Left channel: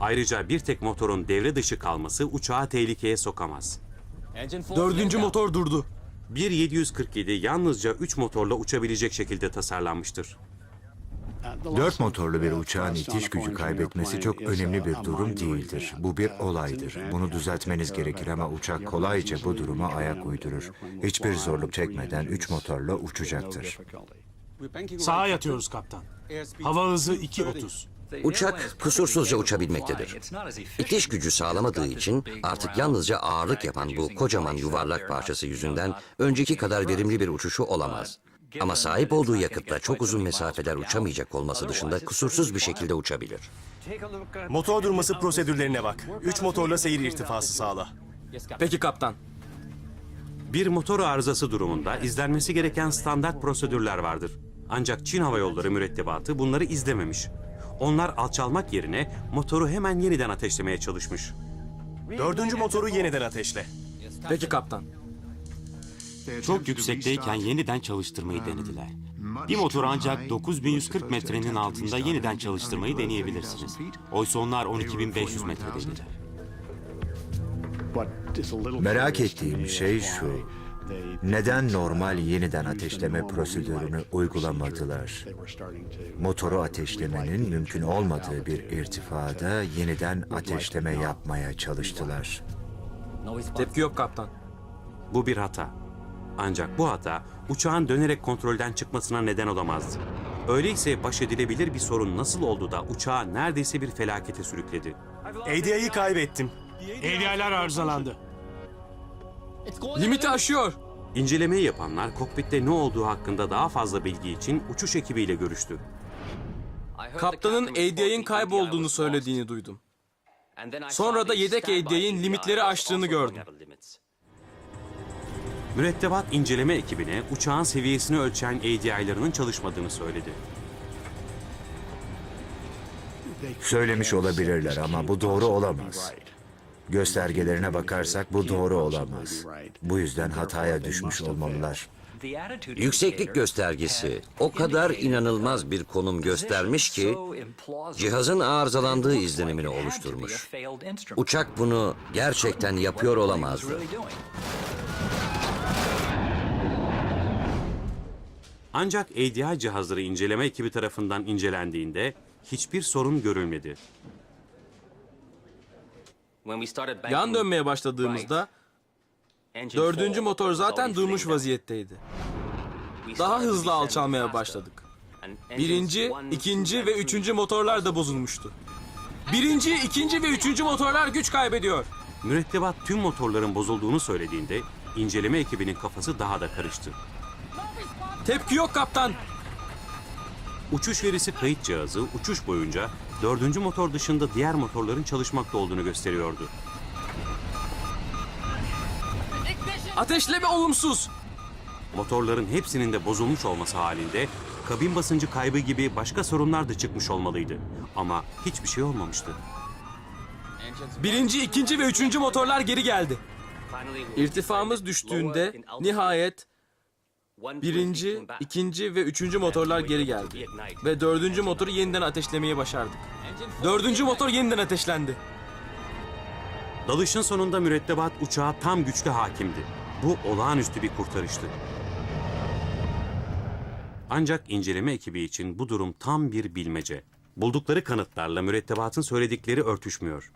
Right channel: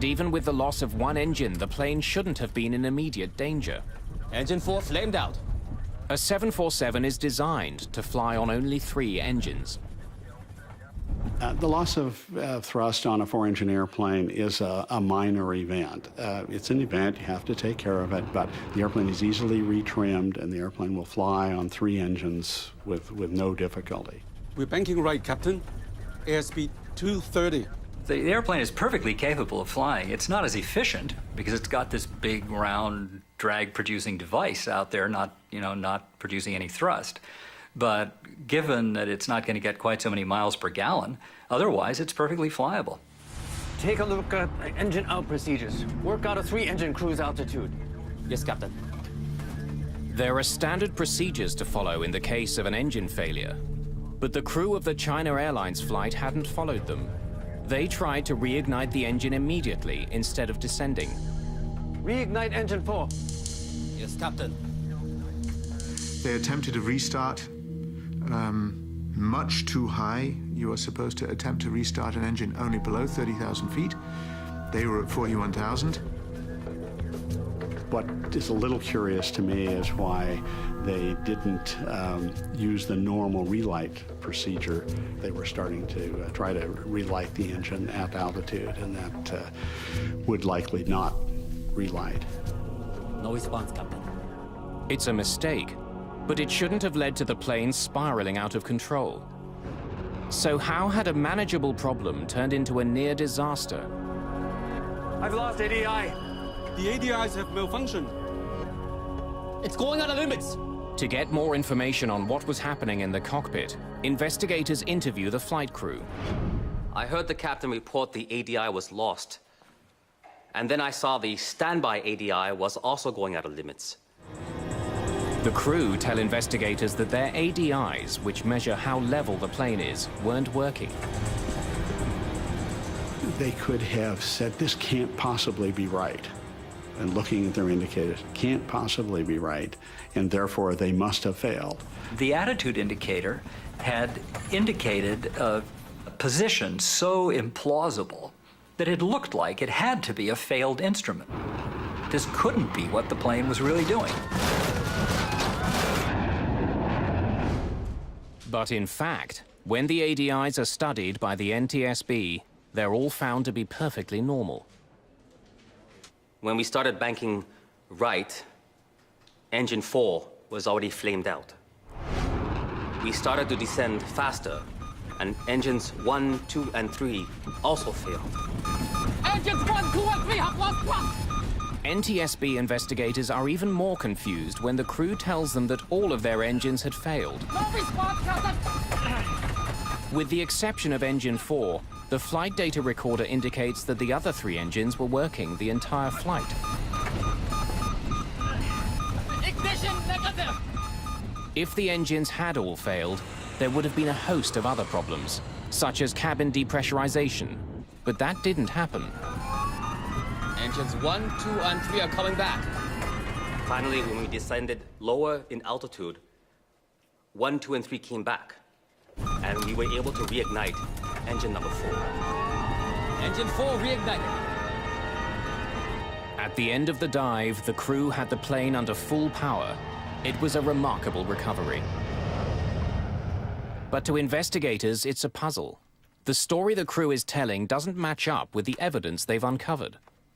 Ayrıca bir tek motorun devre dışı kalması uçağı tehlikeye sokamaz. Dördüncü motor durdu. Bir 747 yalnızca 3 motorla uçabilecek şekilde tasarlanmıştır. 4 motorlu bir uçağın itiş gücü kaybetmesi çok önemli bir durum değildir. Bu bir olaydır. Bunu düzeltmeniz gerekir ama uçak kolayca bu duruma ayak uydurur. Hiçbir zorluk çekmeden 3 motorla uçacaktır. Sağa yatıyoruz kaptan. Hava hızı 230. Uçak kusursuzca uçabilmektedir. İtiş gücü sağlamadığı için artık yalnızca ağırlık yapan bu kocaman yuvarlak parçası yüzünden önceki kadar verimli bir uçuşu olamaz. Ama sahip olduğu yakıtla çok uzun mesafeler uçamayacak olması dışında kusursuz bir şekilde uçabilir. Motor durması prosedürlerine bak. 3 motorla seyir irtifası sağla. Peki kaptan. Bir motor arızası durumunda izlenmesi gereken standart prosedürler vardır. Ancak Çin Hava Yolları mürettebatı bunları izlememiş. Onlar alçalmak yerine motoru hemen yeniden ateşlemeye çalışmış. Dördüncü motoru yeniden ateşle. Peki kaptan. Çok yüksekteyken yeniden çalıştırmayı denediler. Bir motoru ancak 9140 metrenin altında yeniden çalıştırmayı deneyebilirsiniz. Oysa onlar 12500 metrede. Merak ettiğim şey şu. Neden normal yeniden ateşleme prosedürünü uygulamadılar? Motoru ateşlemenin mümkün olmadığı bir irtifada yeniden ateşleme yapmaya çalıştılar. Tepki yok kaptan. Bu bir hata. Ancak bu hata uçağın dönerek kontrolden çıkmasına neden olamazdı. Öyleyse baş edilebilir bir sorun nasıl oldu da uçağı neredeyse bir felakete sürükledi? ADI'yi kaybettim. ADI'ler arızalandı. Limiti aşıyor. İncelemeyi yapanlar kokpitte ne olduğu hakkında daha fazla bilgi için uçuş ekibiyle görüştü. Kaptanın ADI'nin kaybolduğunu söylediğini duydum. Sonra da yedek ADI'nin limitleri aştığını gördüm. Mürettebat inceleme ekibine uçağın seviyesini ölçen ADI'ların çalışmadığını söyledi. Söylemiş olabilirler ama bu doğru olamaz. Göstergelerine bakarsak bu doğru olamaz. Bu yüzden hataya düşmüş olmalılar. Yükseklik göstergesi o kadar inanılmaz bir konum göstermiş ki cihazın arızalandığı izlenimini oluşturmuş. Uçak bunu gerçekten yapıyor olamaz. Ancak ADI cihazları inceleme ekibi tarafından incelendiğinde hiçbir sorun görülmedi. Yan dönmeye başladığımızda dördüncü motor zaten durmuş vaziyetteydi. Daha hızlı alçalmaya başladık. Birinci, ikinci ve üçüncü motorlar da bozulmuştu. Birinci, ikinci ve üçüncü motorlar güç kaybediyor. Mürettebat tüm motorların bozulduğunu söylediğinde inceleme ekibinin kafası daha da karıştı. Tepki yok kaptan. Uçuş verisi kayıt cihazı uçuş boyunca dördüncü motor dışında diğer motorların çalışmakta olduğunu gösteriyor. Ateşleme olumsuz. Motorların hepsinin de bozulmuş olması halinde kabin basıncı kaybı gibi başka sorunlar da çıkmış olmalıydı. Ama hiçbir şey olmamıştı. Birinci, ikinci ve üçüncü motorlar geri geldi. İrtifamız düştüğünde nihayet birinci, ikinci ve üçüncü motorlar geri geldi. Ve dördüncü motoru yeniden ateşlemeyi başardı. Dördüncü motor yeniden ateşlendi. Dalışın sonunda mürettebat uçağa tam güçlü hakimdi. Bu olağanüstü bir kurtarıştı. Ancak inceleme ekibi için bu durum tam bir bilmece. Buldukları kanıtlarla mürettebatın söyledikleri örtüşmüyor.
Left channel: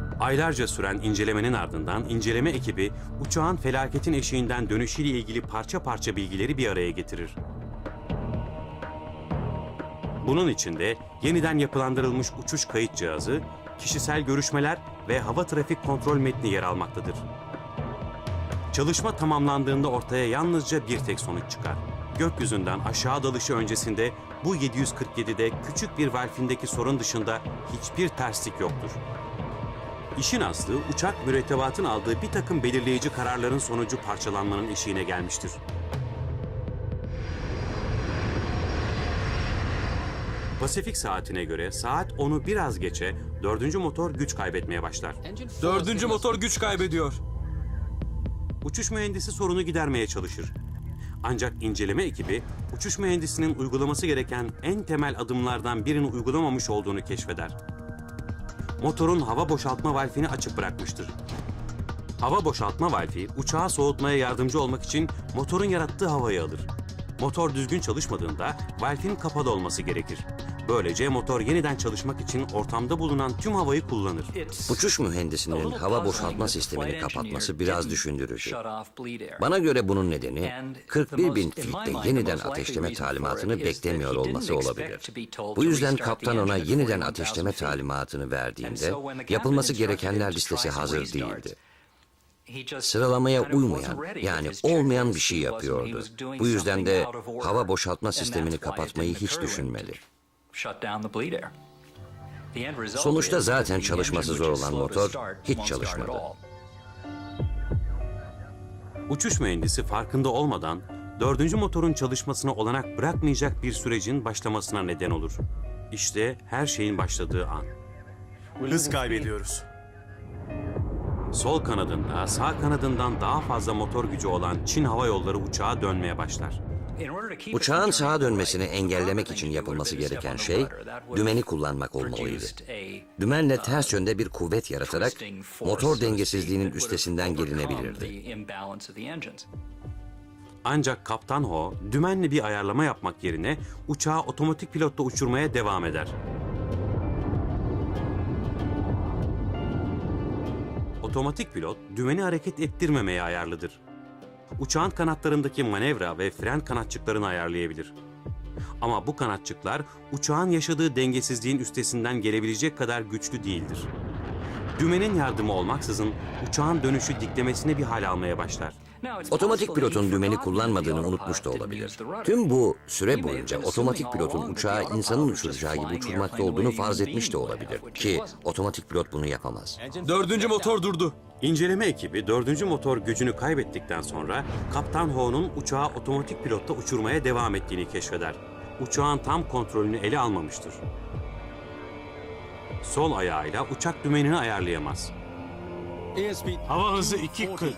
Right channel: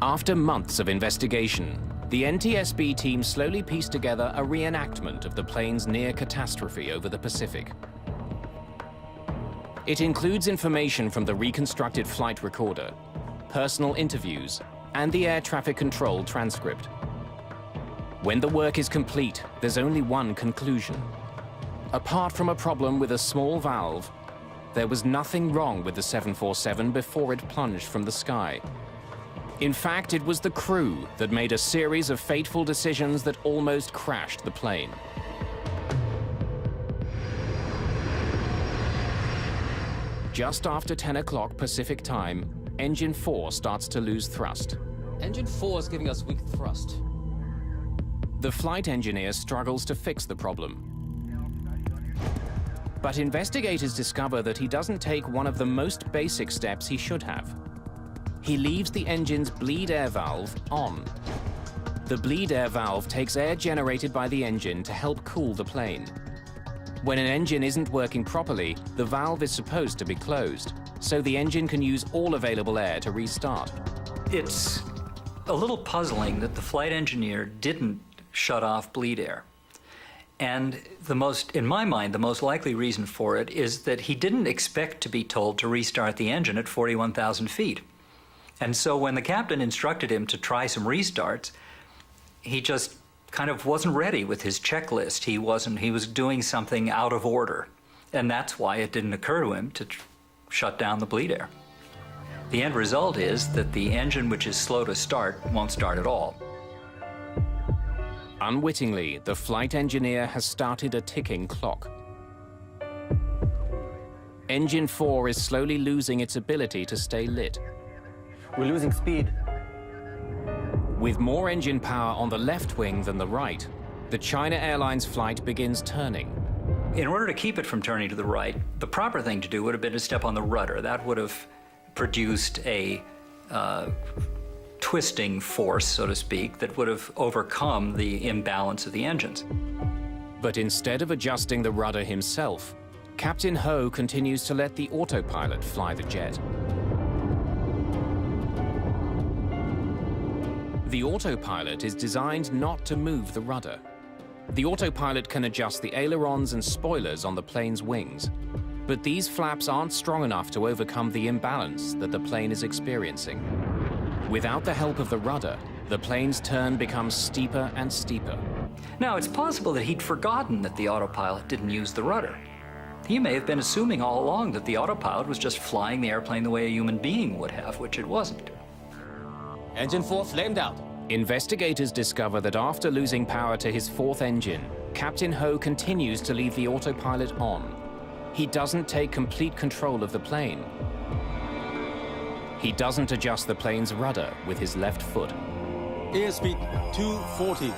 Aylarca süren incelemenin ardından inceleme ekibi uçağın felaketin eşiğinden dönüşüyle ilgili parça parça bilgileri bir araya getirir. Bunun içinde yeniden yapılandırılmış uçuş kayıt cihazı, kişisel görüşmeler ve hava trafik kontrol metni yer almaktadır. Çalışma tamamlandığında ortaya yalnızca bir tek sonuç çıkar. Gökyüzünden aşağı dalışı öncesinde bu 747'de küçük bir vaktindeki sorun dışında hiçbir terslik yoktur. İşin aslı uçak mürettebatı aldığı bir takım belirleyici kararların sonucu parçalanmanın eşiğine gelmiştir. Pasifik saatine göre saat 10'u biraz geçe dördüncü motor güç kaybetmeye başlar. Dördüncü motor güç kaybediyor. Uçuş mühendisi sorunu gidermeye çalışır. Ancak inceleme ekibi Uçuş But mühendisinin investigators uygulaması discover gereken that he en doesn't temel take one of the adımlardan most birinin basic uygulamamış steps he olduğunu should keşfeder. have. He leaves the Motorun hava engine's bleed boşaltma air valvini valve açık on. bırakmıştır. The Hava bleed air boşaltma valve valvi takes air uçağı generated soğutmaya by the yardımcı engine olmak to için help cool motorun the yarattığı plane. havayı alır. When an Motor engine düzgün isn't working çalışmadığında properly, the valvin valve kapalı is olması supposed to be gerekir. closed, Böylece so the motor engine yeniden can use çalışmak all için available air ortamda to bulunan tüm restart. havayı kullanır. Uçuş mühendisinin hava boşaltma sistemini kapatması biraz düşündürücü. Bana göre bunun nedeni 41 bin fitte yeniden ateşleme talimatını beklemiyor olması olabilir. Bu yüzden kaptan ona yeniden ateşleme talimatını verdiğinde yapılması gerekenler listesi hazır değildi. Sıralamaya uymayan, yani olmayan bir şey yapıyordu. Bu yüzden de hava boşaltma sistemini kapatmayı hiç düşünmedi. Sonuçta zaten çalışması zor olan motor hiç çalışmadı. Unwittingly, the Uçuş flight mühendisi engineer farkında has olmadan started a ticking dördüncü clock. motorun çalışmasına olanak bırakmayacak bir sürecin başlamasına Engine neden 4 olur. is slowly losing its İşte her ability şeyin to stay başladığı lit. an. Hız kaybediyoruz. With more Sol engine power kanadından on the sağ left wing kanadından than daha the fazla right, motor the gücü China olan Çin Airlines Hava Yolları flight uçağı begins dönmeye turning. başlar. Uçağın sağa dönmesini engellemek için yapılması gereken şey dümeni kullanmak olmalıydı. Dümenle ters yönde bir kuvvet yaratarak motor dengesizliğinin üstesinden gelinebilirdi. But instead Ancak of Kaptan adjusting the Ho rudder dümenli bir himself, ayarlama yapmak Captain yerine Ho uçağı continues to otomatik let the pilotla uçurmaya autopilot devam fly eder. the jet. The Otomatik autopilot pilot is dümeni designed hareket not to ettirmemeye move the ayarlıdır. rudder. The Uçağın autopilot can kanatlarındaki adjust the manevra ve ailerons fren and spoilers kanatçıklarını on the plane's ayarlayabilir. wings. Ama But bu these flaps kanatçıklar aren't strong uçağın enough to yaşadığı overcome the dengesizliğin imbalance that the üstesinden plane is gelebilecek kadar experiencing. güçlü değildir. Without the help of Dümenin the yardımı rudder, the olmaksızın plane's turn uçağın becomes dönüşü steeper diklemesine bir and hal almaya steeper. başlar. Otomatik pilotun dümeni kullanmadığını unutmuş da olabilir. Tüm bu süre boyunca otomatik pilotun uçağı insanın uçuracağı gibi uçurmakta olduğunu farz etmiş de olabilir. Ki otomatik pilot bunu yapamaz. Dördüncü motor durdu. İnceleme Investigators ekibi discover that dördüncü after motor losing gücünü power to his kaybettikten fourth sonra engine, Kaptan Captain Ho'nun Ho uçağı continues to otomatik leave the pilotla uçurmaya autopilot devam on. ettiğini keşfeder. He doesn't take Uçağın tam complete control kontrolünü of the ele plane. almamıştır. He doesn't Sol adjust the ayağıyla plane's uçak rudder dümenini with his ayarlayamaz. left foot. Hava hızı 240.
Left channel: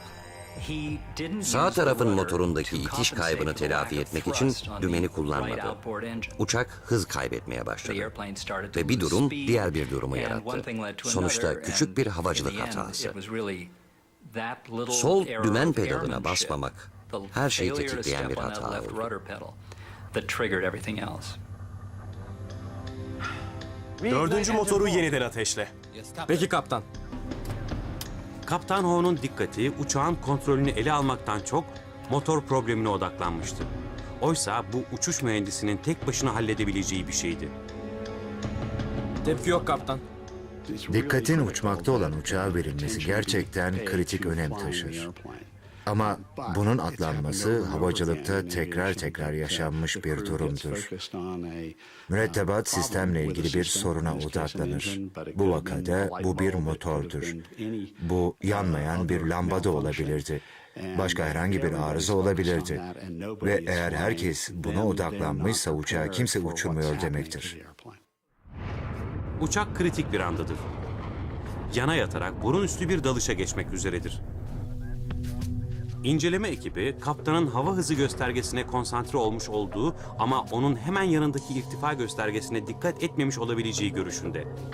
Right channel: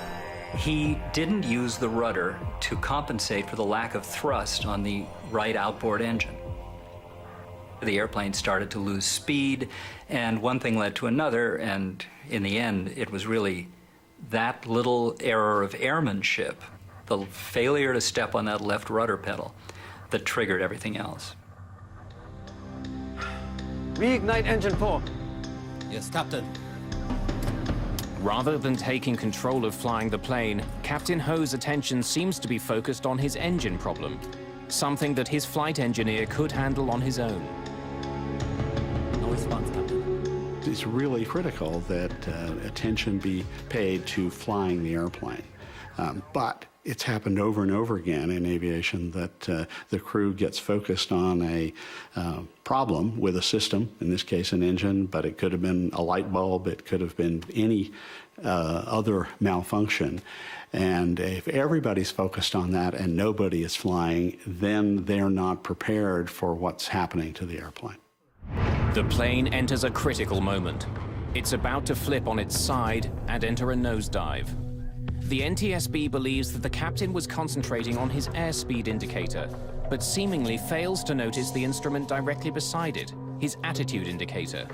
Sağ tarafın motorundaki itiş kaybını telafi etmek için dümeni kullanmadı. Uçak hız kaybetmeye başladı. Ve bir durum diğer bir durumu yarattı. Sonuçta küçük bir havacılık hatası. Sol dümen pedalına basmamak her şeyi tetikleyen bir hata. Dördüncü motoru yeniden ateşle. Peki kaptan. Rather than Kaptan taking Ho'nun control dikkati of flying uçağın the kontrolünü plane, ele Captain almaktan Ho's çok attention seems motor to be problemine focused on his odaklanmıştır. engine problem, Oysa bu something uçuş that his flight mühendisinin tek engineer başına could handle on halledebileceği bir his şeydi. own. Tepki yok kaptan. Dikkatin uçmakta olan uçağa verilmesi gerçekten kritik önem taşır. Ama bunun atlanması havacılıkta tekrar yaşanmış bir durumdur. Mürettebat sistemle ilgili bir soruna odaklanır. Bu vakada bu bir motordur. Bu yanmayan bir lamba da olabilirdi. Başka herhangi bir arıza olabilirdi. Ve eğer herkes buna odaklanmışsa uçağı kimse uçurmuyor demektir. The plane Uçak enters a kritik bir critical andır. moment. It's about Yana to flip yatarak on its burun üstü bir side dalışa and geçmek enter a üzeredir. nosedive. The NTSB İnceleme believes that the ekibi captain was kaptanın hava hızı concentrating on his göstergesine airspeed konsantre olmuş indicator, olduğu but ama seemingly onun fails hemen to yanındaki notice the irtifa instrument directly göstergesine beside dikkat it, etmemiş his olabileceği attitude görüşündedir. indicator.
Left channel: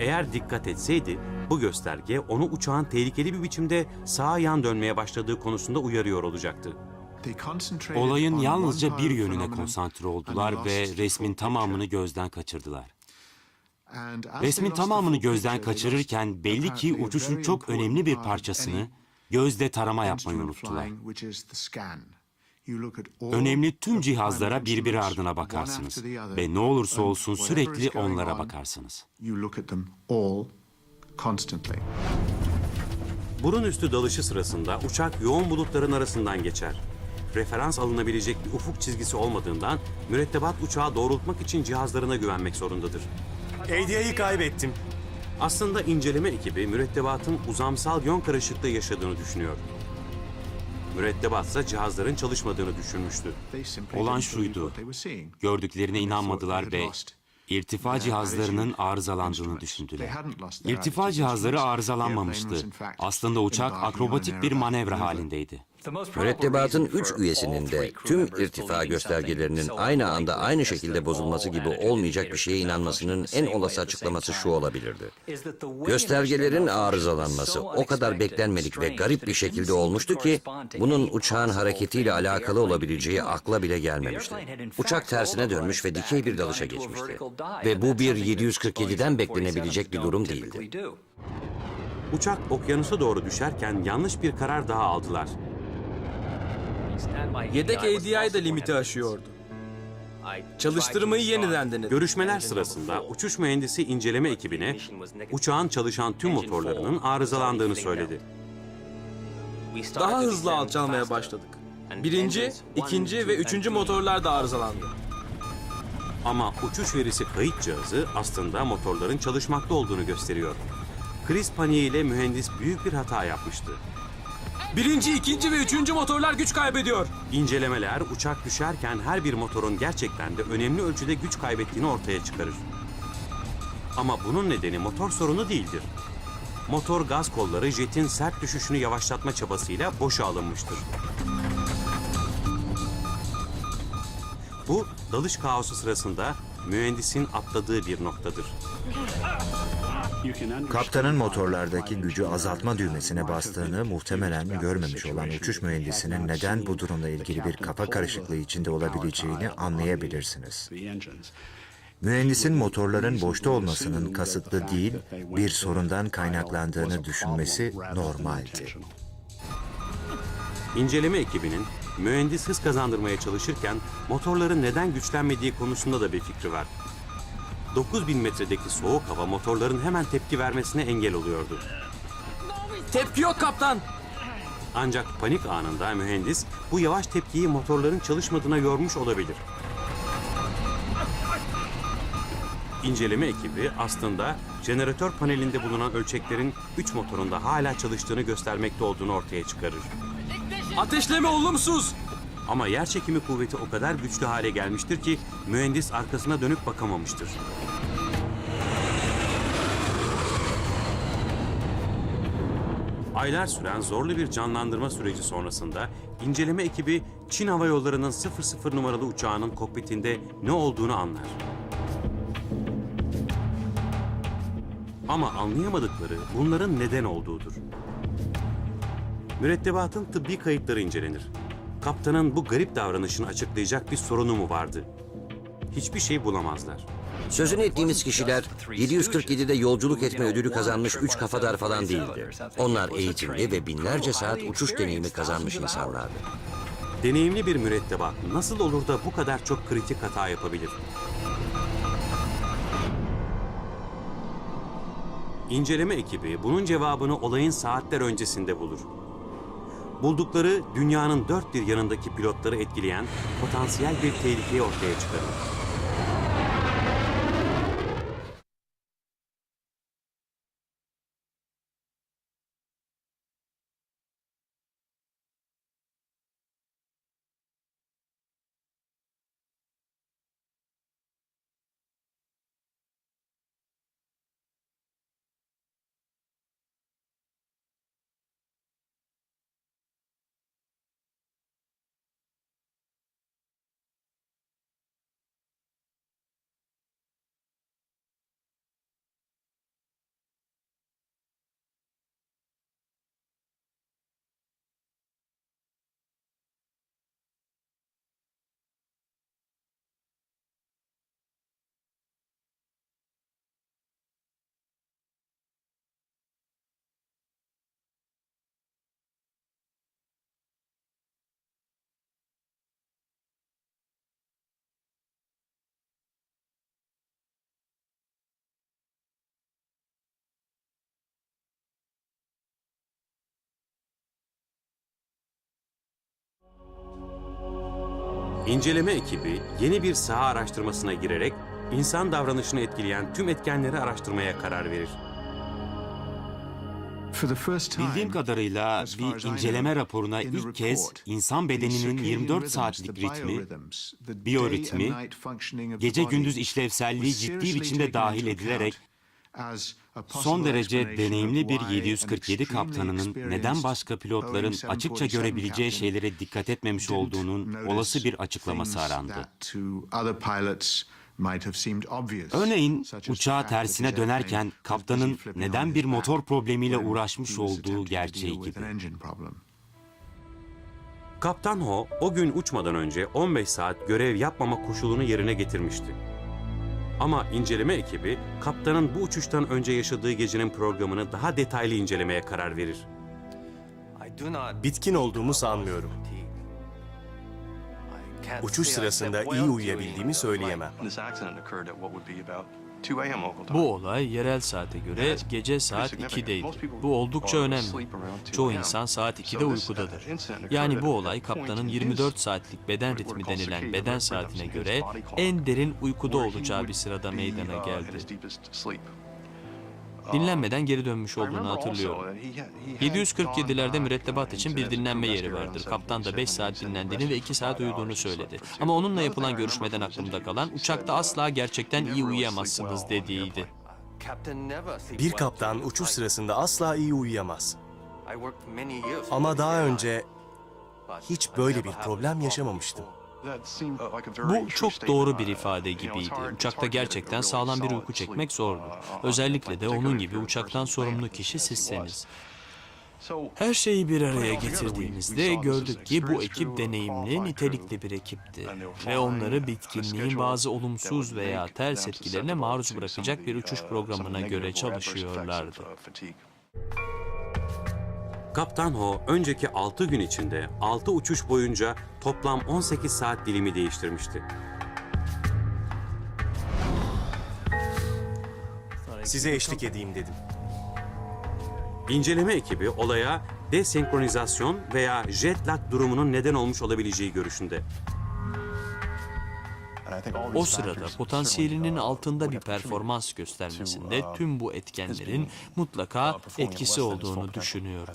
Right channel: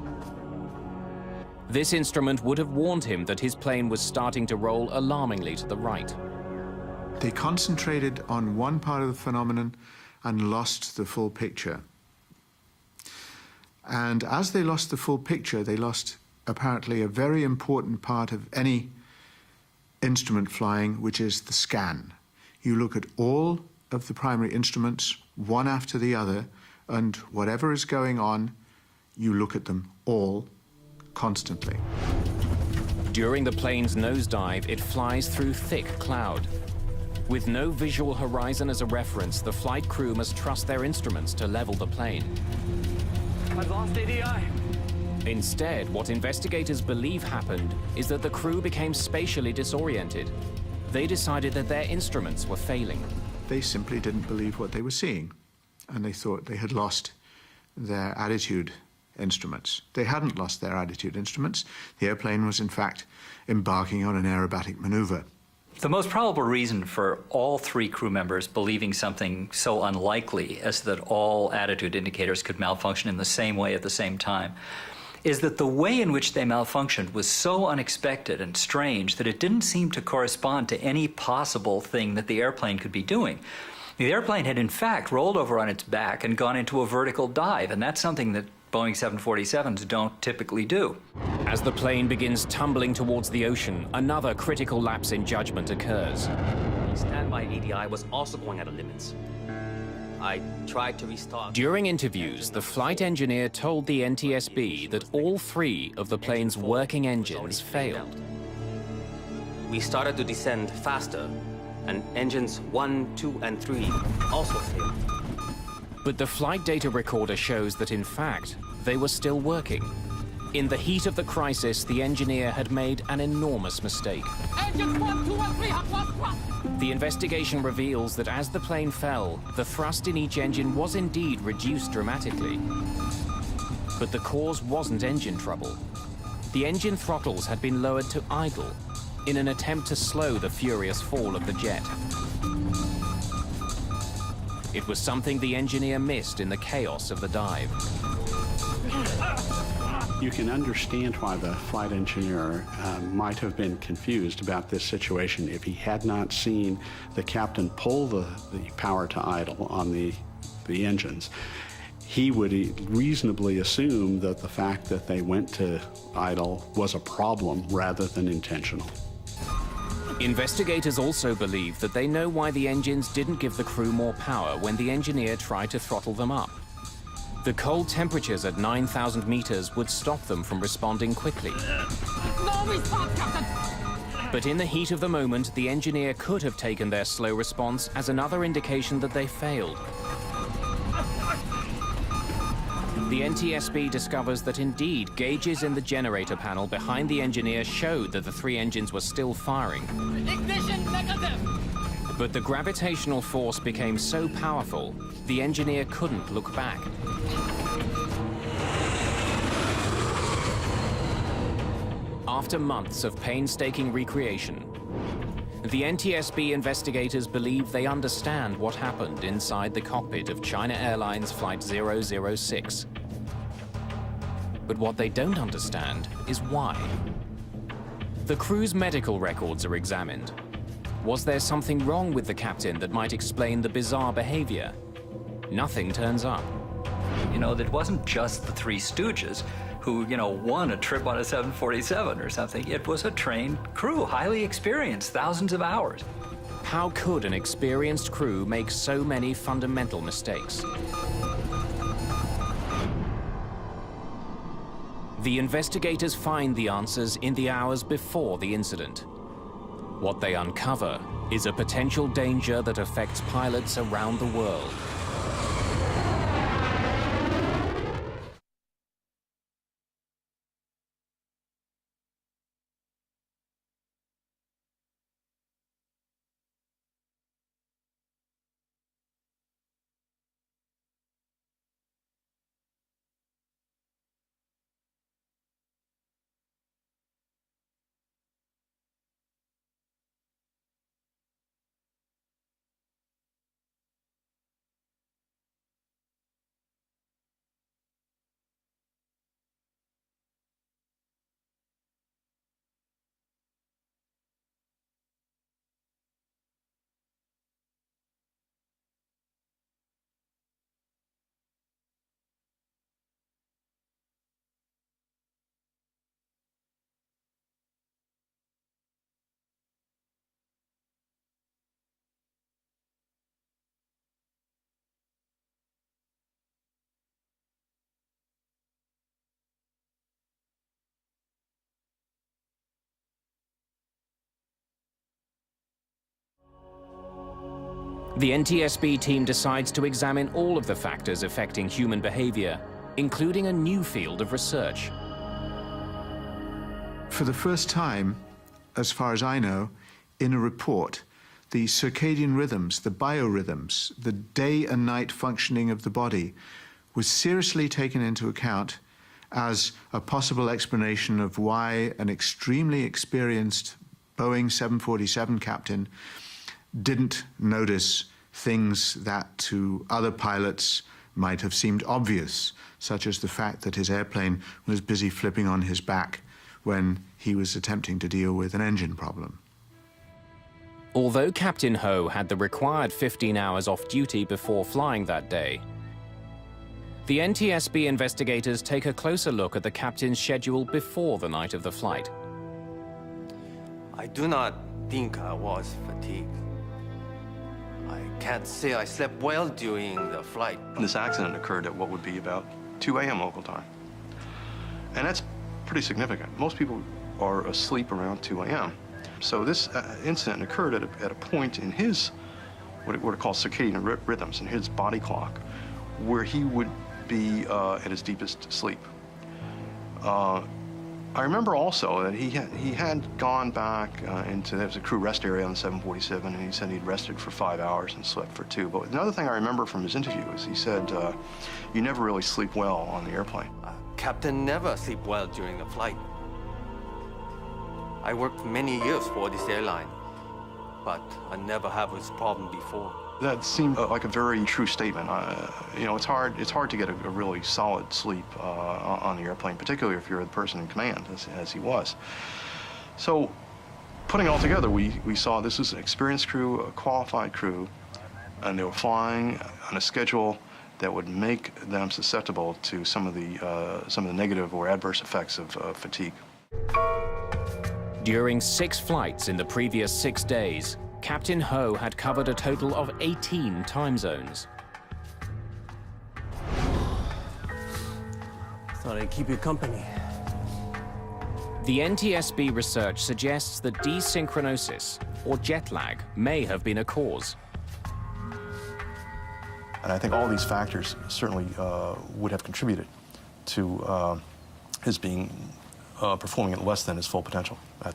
Eğer dikkat etseydi bu This gösterge instrument onu would have uçağın warned him tehlikeli that bir his plane biçimde was sağ starting to yan roll dönmeye başladığı alarmingly to konusunda the right. uyarıyor olacaktı. Olayın Yalnızca bir yönüne konsantre oldular ve resmin tamamını gözden kaçırdılar. Resmin tamamını gözden kaçırırken belli ki uçuşun çok önemli bir parçasını gözle tarama yapmayı unuttular. Önemli tüm cihazlara birbiri ardına bakarsınız ve ne olursa olsun sürekli onlara bakarsınız. During the Burun plane's üstü dalışı nosedive, sırasında it uçak flies yoğun through bulutların thick arasından cloud. geçer. With no Referans visual alınabilecek horizon as a ufuk çizgisi reference, the olmadığından flight crew must mürettebat cross their uçağı instruments doğrultmak to için level the cihazlarına plane. güvenmek zorundadır. Hediyeyi kaybettim. Aslında Instead, what inceleme ekibi investigators believe mürettebatın happened uzamsal is yön that the crew karışıklığı became yaşadığını spatially düşünüyor. disoriented. They Mürettebat decided da that their cihazların instruments were çalışmadığını failing. düşünmüştü. Olan şuydu, gördüklerine inanmadılar ve İrtifa cihazlarının arızalandığını düşündüler. İrtifa cihazları arızalanmamıştı. Aslında uçak akrobatik bir manevra halindeydi. Mürettebatın 3 üyesinin de tüm irtifa göstergelerinin aynı anda aynı şekilde bozulması gibi olmayacak bir şeye inanmasının en olası açıklaması şu olabilirdi. Göstergelerin arızalanması o kadar beklenmedik ve garip bir şekilde olmuştu ki bunun uçağın hareketiyle alakalı olabileceği akla bile gelmemişti. Uçak tersine dönmüş ve dikey bir dalışa geçmişti. Ve bu bir 747'den beklenebilecek bir durum değil. As the plane begins tumbling towards the ocean, another critical lapse in judgment occurs. Yedek ADI de limiti aşıyordu. Çalıştırmayı yeniden During görüşmeler interviews, the sırasında flight uçuş engineer mühendisi told the inceleme NTSB ekibine that all uçağın three of çalışan the tüm plane's motorlarının working engines arızalandığını failed. söyledi. Daha hızlı alçalmaya başladık. Birinci, ikinci ve üçüncü motorlar da arızalandı. But the Ama flight uçuş data verisi recorder kayıt shows that in cihazı fact aslında they were motorların still çalışmakta working. olduğunu gösteriyor. In the heat of the Kriz crisis, paniğiyle the mühendis engineer had büyük bir made hata an yapmıştı. enormous mistake. Birinci, ikinci ve üçüncü motorlar güç The kaybediyor. investigation İncelemeler reveals that uçak as the plane düşerken her bir fell, motorun the thrust in gerçekten each de engine önemli was ölçüde indeed güç kaybettiğini reduced ortaya çıkarır. dramatically. Ama But the bunun cause nedeni wasn't motor engine sorunu trouble. değildir. The engine Motor gaz throttles had kolları been jetin lowered to sert düşüşünü idle yavaşlatma in an çabasıyla attempt to boşa slow the alınmıştır. furious fall of the jet. Bu, It was something dalış the kaosu engineer sırasında missed in the chaos of mühendisin the dive. atladığı bir noktadır. Kaptanın motorlardaki gücü azaltma düğmesine bastığını muhtemelen görmemiş olan uçuş mühendisinin neden bu durumla ilgili bir kafa karışıklığı içinde olabileceğini anlayabilirsiniz. Mühendisin motorların boşta olmasının kasıtlı değil, bir sorundan kaynaklandığını düşünmesi normaldi. Investigators İnceleme also ekibinin believe that they know why mühendis the engines kazandırmaya didn't give the çalışırken crew more power motorların when the neden engineer güçlenmediği tried to konusunda da throttle bir them fikri up. var. The cold 9000 temperatures at metredeki soğuk hava 9,000 meters motorların would hemen stop tepki them from vermesine engel responding oluyordu. quickly. Tepki yok kaptan. But in the heat of Ancak the panik moment, the anında engineer mühendis could have bu taken their yavaş slow tepkiyi response motorların as another çalışmadığına yormuş indication that they olabilir. failed. İnceleme The ekibi NTSB aslında discovers that indeed jeneratör panelinde gauges in the bulunan generator ölçeklerin panel güç behind the motorunda engineer hala showed çalıştığını that the three göstermekte engines were olduğunu still ortaya çıkarır. firing. Ateşleme olumsuz. But the Ama yer gravitational çekimi force kuvveti o kadar became so güçlü hale powerful, gelmiştir ki the engineer mühendis couldn't arkasına look dönüp back. bakamamıştır. After months of Aylar süren painstaking zorlu bir recreation, canlandırma süreci sonrasında the NTSB inceleme ekibi investigators Çin believe Hava they Yolları'nın understand 00 what numaralı happened uçağının inside the kokpitinde cockpit of ne China olduğunu Airlines anladı. Flight 006. But what they Ama don't understand anlayamadıkları is bunların why. neden olduğudur. The crew's medical records are Mürettebatın examined. tıbbi kayıtları incelenir. Was there something wrong Kaptanın with bu the garip captain that might davranışını explain the açıklayacak bir bizarre sorunu mu behavior? vardı? Nothing Hiçbir şey turns up. bulamazlar. Sözünü ettiğimiz kişiler 747'de yolculuk etme ödülü kazanmış 3 kafadar falan değil. Onlar eğitimli ve binlerce saat uçuş deneyimi kazanmış insanlar. How could an Deneyimli bir experienced mürettebat crew nasıl make olur so da bu many kadar çok fundamental kritik hata mistakes? yapabilir? The İnceleme investigators ekibi find bunun the cevabını answers in olayın the hours saatler before öncesinde the bulur. incident. What they Buldukları uncover dünyanın is a dört bir yanındaki potential pilotları danger that etkileyen affects pilots potansiyel bir around the tehlikeyi world. ortaya çıkarır. The İnceleme NTSB team ekibi decides yeni to bir saha examine all of the araştırmasına factors girerek affecting human insan davranışını behavior, etkileyen tüm including a etkenleri new field araştırmaya of karar research. verir. Bildiğim kadarıyla bir inceleme raporuna ilk kez insan bedeninin 24 saatlik ritmi, biyoritmi, gece gündüz işlevselliği ciddi biçimde dahil edilerek son derece deneyimli bir 747 kaptanının neden başka pilotların açıkça görebileceği şeylere dikkat etmemiş olduğunun olası bir açıklaması arandı. Örneğin uçağı tersine dönerken kaptanın neden bir motor problemiyle uğraşmış olduğu gerçeğiydi. Although Captain Ho had the required 15 hours off duty before flying that day, the NTSB investigators take a closer look at the captain's schedule before the daha night of detaylı the flight. incelemeye karar verir. Bitkin olduğumu sanmıyorum. Uçuş sırasında iyi uyuyabildiğimi söyleyemem. Bu olay yerel saate göre gece saat 2'deydi. Bu oldukça önemli. Çoğu insan saat 2'de uykudadır. Yani bu olay kaptanın 24 saatlik beden ritmi denilen beden saatine göre en derin uykuda olacağı bir sırada meydana geldi. Dinlenmeden geri dönmüş olduğunu hatırlıyorum. 747'lerde mürettebat için bir dinlenme yeri vardı. Kaptan da 5 saat dinlendiğini ve 2 saat uyuduğunu söyledi. Ama onunla yapılan görüşmeden aklımda kalan uçakta asla gerçekten iyi uyuyamazsınız dediğiydi. Bir kaptan uçuş sırasında asla iyi uyuyamaz. Ama daha önce hiç böyle bir problem yaşamamıştım. Bu çok doğru bir ifade gibiydi. Uçakta gerçekten sağlam bir uyku çekmek zor. Özellikle de onun gibi uçaktan sorumlu kişi sizseniz. Her şeyi bir araya getirdiğimizde gördük ki bu ekip deneyimli, nitelikli bir ekipti. Ve onları bitkinliğin bazı olumsuz veya ters etkilerine maruz bırakacak bir uçuş programına göre çalışıyorlardı. During 6 flights in the previous 6 days, Captain Ho had covered a total of 18 time zones. Size eşlik edeyim dedim. The İnceleme NTSB ekibi research olaya suggests that desenkronizasyon desynchronosis veya or jet lag jet durumunun lag neden may olmuş have been a olabileceği cause. görüşünde. O sırada potansiyelinin altında bir performans göstermesinde tüm bu etkenlerin mutlaka etkisi olduğunu düşünüyorum.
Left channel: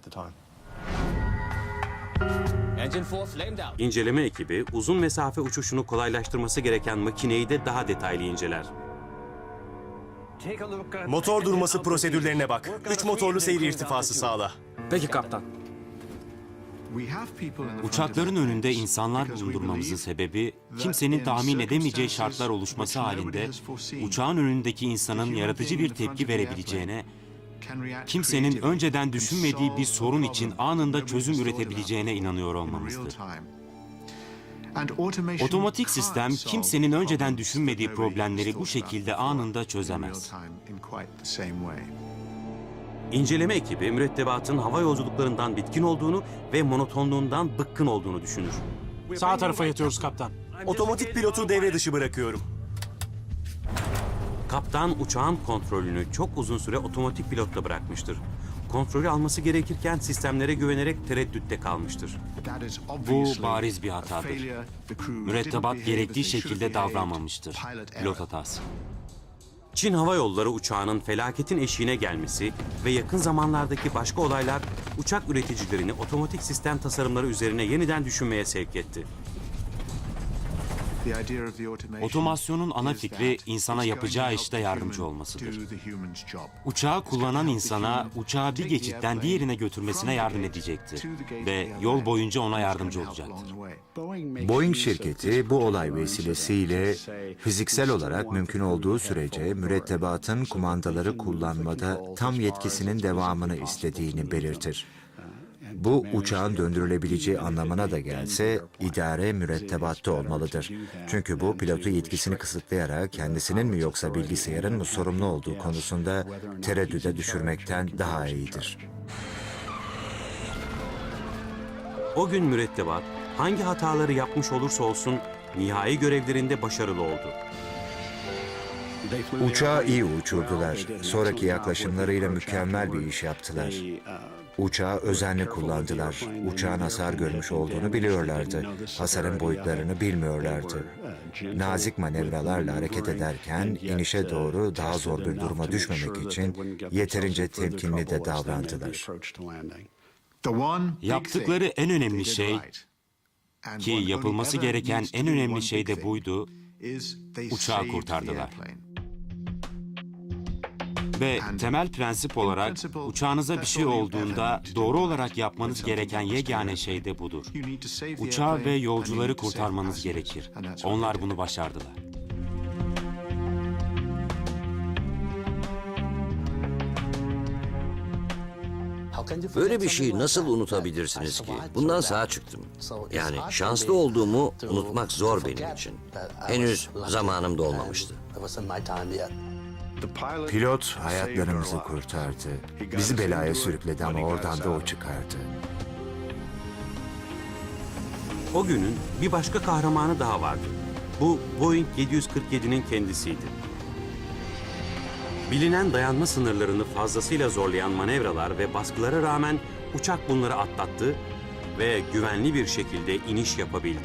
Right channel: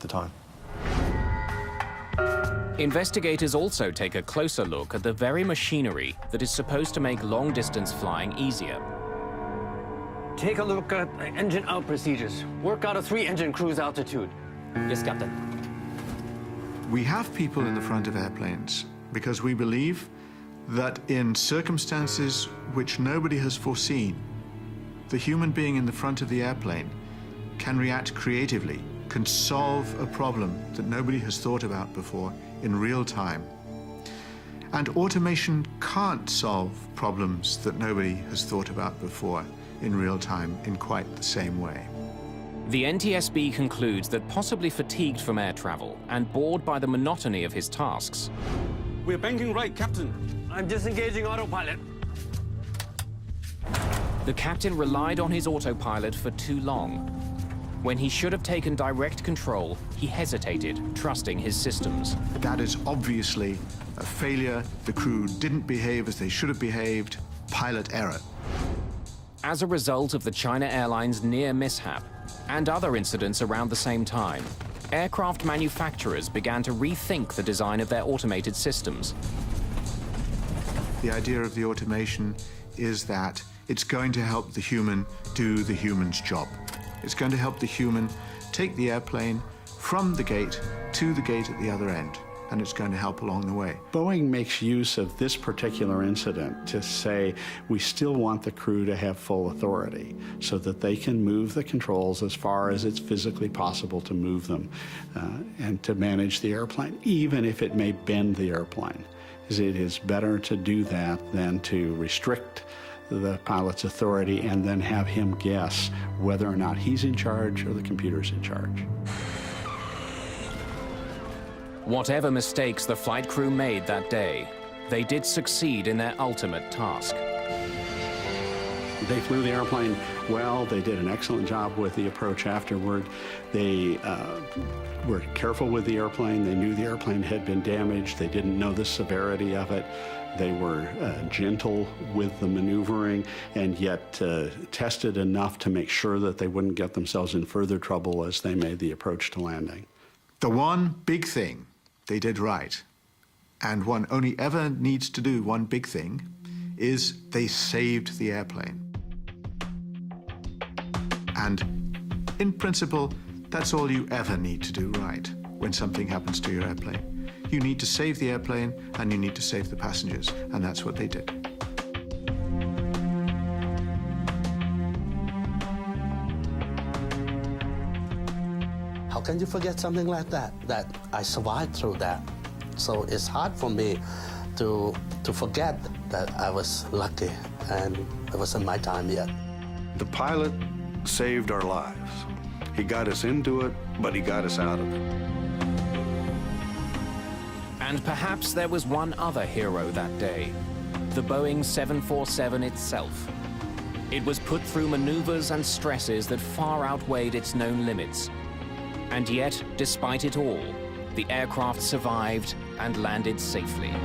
Investigators also take İnceleme a closer ekibi look uzun at the mesafe very uçuşunu machinery that is kolaylaştırması supposed to gereken make makineyi long de daha distance detaylı flying inceler. easier. Motor durması prosedürlerine bak. 3 motorlu seyir irtifası sağla. Peki kaptan. Uçakların önünde insanlar durdurmamızın sebebi kimsenin tahmin edemeyeceği şartlar oluşması halinde uçağın önündeki insanın yaratıcı bir tepki verebileceğine, kimsenin önceden düşünmediği bir sorun için anında çözüm üretebileceğine inanıyor olmamızdır. Otomatik sistem kimsenin önceden düşünmediği problemleri bu şekilde anında çözemez. The NTSB İnceleme ekibi concludes that mürettebatın possibly hava fatigue from air yolculuklarından bitkin travel olduğunu and ve bored by the monotony monotonluğundan of his bıkkın olduğunu tasks. düşünür. Sağ tarafa yatıyoruz kaptan. Otomatik pilotu devre dışı bırakıyorum. The captain Kaptan relied on uçağın his kontrolünü autopilot for çok uzun too süre long, otomatik pilotla when he bırakmıştır. should have taken Kontrolü direct alması control. gerekirken He sistemlere hesitated, güvenerek trusting his tereddütte systems. kalmıştır. Bu bariz bir hatadır. Mürettebat gerektiği şekilde davranmamıştır. Pilot hatası. As a Çin Hava result of the Yolları China uçağının Airlines near felaketin eşiğine mishap gelmesi and other ve yakın incidents around the zamanlardaki same başka time, olaylar uçak aircraft üreticilerini manufacturers otomatik began to sistem tasarımları rethink the üzerine design of their yeniden düşünmeye automated sevk etti. systems. Otomasyonun ana fikri insana yapacağı işte yardımcı olması. Uçağı kullanan insana uçağı bir geçitten diğerine götürmesine yardım edecektir ve yol boyunca ona yardımcı olacaktır. Boeing şirketi bu olay vesilesiyle fiziksel olarak mümkün olduğu sürece mürettebatın kumandaları kullanmada tam yetkisinin devamını istediğini belirtir. Bu uçağın döndürülebileceği anlamına da gelse idare mürettebatta olmalıdır. Çünkü bu pilotun yetkisini kısıtlayarak kendisinin mi yoksa bilgisayarın mı sorumlu olduğu konusunda tereddüde düşürmekten daha iyidir. Whatever O gün mistakes the mürettebat flight crew hangi made that hataları day, yapmış olursa they olsun did succeed nihai in their görevlerinde ultimate başarılı task. oldu. Uçağı iyi uçurdular. Sonraki yaklaşımlarıyla mükemmel bir iş yaptılar. Uçağı özenle kullandılar. Uçağın hasar görmüş olduğunu biliyorlardı. Hasarın boyutlarını bilmiyorlardı. Nazik manevralarla hareket ederken inişe doğru daha zor bir duruma düşmemek için yeterince temkinli de davrandılar. Yaptıkları en önemli şey ki yapılması gereken en önemli şey de buydu, uçağı kurtardılar. Ve temel prensip olarak uçağınıza bir şey olduğunda doğru olarak yapmanız gereken yegane şey de budur. Uçağı ve yolcuları kurtarmanız gerekir. Onlar bunu başardılar. Böyle bir şeyi nasıl unutabilirsiniz ki? Bundan sağ çıktım. Yani şanslı olduğumu unutmak zor benim için. Henüz zamanım dolmamıştı. Pilot hayatlarımızı kurtardı. Bizi belaya sürükledi ama oradan yol çıkardı. O günün Bir başka kahramanı daha vardı. Bu Boeing 747'nin kendisiydi. Bilinen dayanma sınırlarını fazlasıyla zorlayan manevralar ve baskılara rağmen uçak bunları atlattı ve güvenli bir şekilde iniş yapabildi.